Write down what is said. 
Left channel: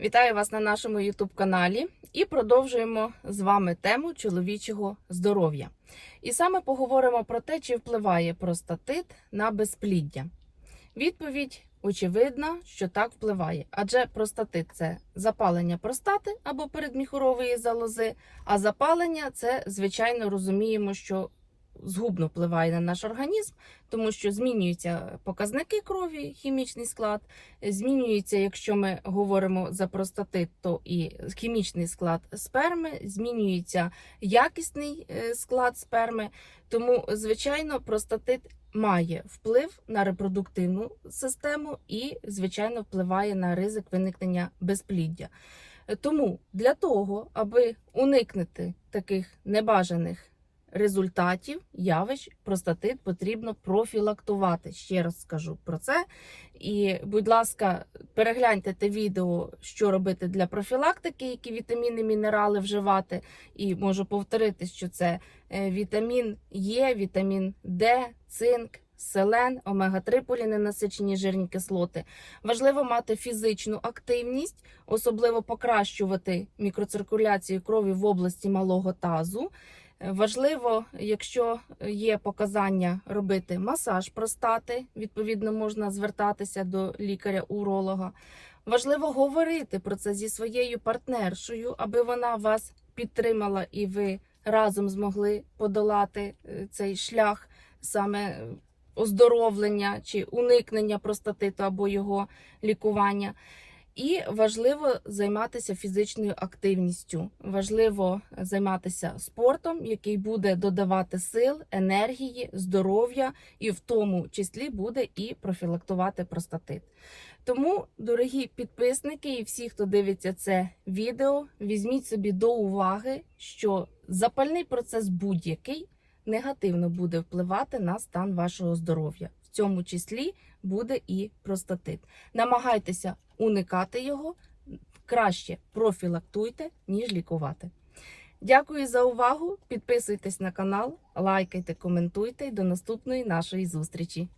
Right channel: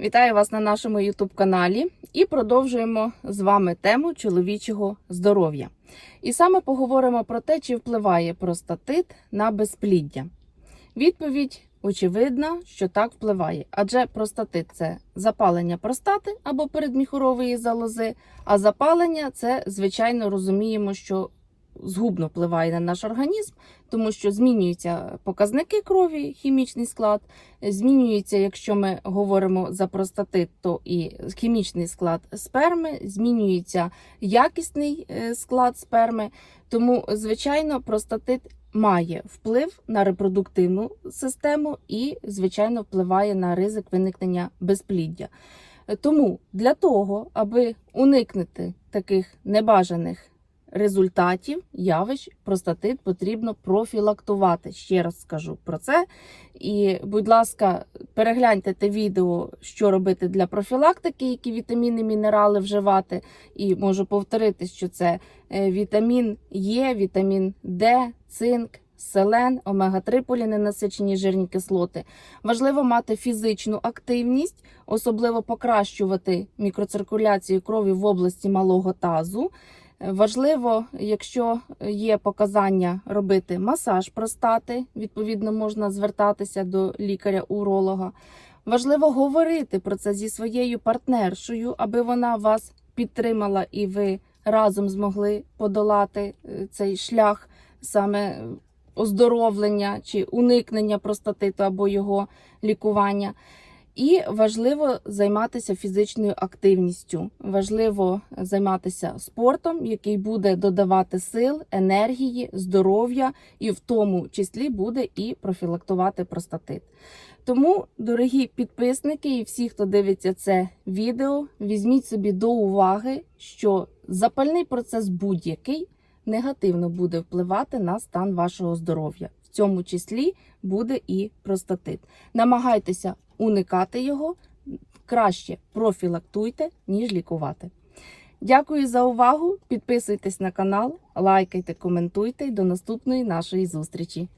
Вітаю вас на нашому YouTube каналі і продовжуємо з вами тему чоловічого здоров'я. І саме поговоримо про те, чи впливає простатит на безпліддя. Відповідь очевидна, що так впливає, адже простатит це запалення простати або передміхорової залози, а запалення це, звичайно, розуміємо, що згубно впливає на наш організм, тому що змінюються показники крові, хімічний склад, змінюється, якщо ми говоримо за простатит, то і хімічний склад сперми, змінюється якісний е, склад сперми. Тому, звичайно, простатит має вплив на репродуктивну систему і, звичайно, впливає на ризик виникнення безпліддя. Тому для того, аби уникнути таких небажаних результатів явищ простатит потрібно профілактувати. Ще раз скажу про це. І, будь ласка, перегляньте те відео, що робити для профілактики, які вітаміни, мінерали вживати. І можу повторити, що це е, вітамін Е, вітамін Д, цинк. Селен, омега-3 поліненасичені жирні кислоти. Важливо мати фізичну активність, особливо покращувати мікроциркуляцію крові в області малого тазу. Важливо, якщо є показання робити масаж простати, відповідно можна звертатися до лікаря-уролога. Важливо говорити про це зі своєю партнершою, аби вона вас підтримала і ви разом змогли подолати е, цей шлях саме оздоровлення чи уникнення простатиту або його лікування. І важливо займатися фізичною активністю. Важливо займатися спортом, який буде додавати сил, енергії, здоров'я, і в тому числі буде і профілактувати простатит. Тому, дорогі підписники і всі, хто дивиться це відео, візьміть собі до уваги, що запальний процес будь-який негативно буде впливати на стан вашого здоров'я. В цьому числі буде і простатит. Намагайтеся уникати його, краще профілактуйте, ніж лікувати. Дякую за увагу. Підписуйтесь на канал, лайкайте, коментуйте і до наступної нашої зустрічі.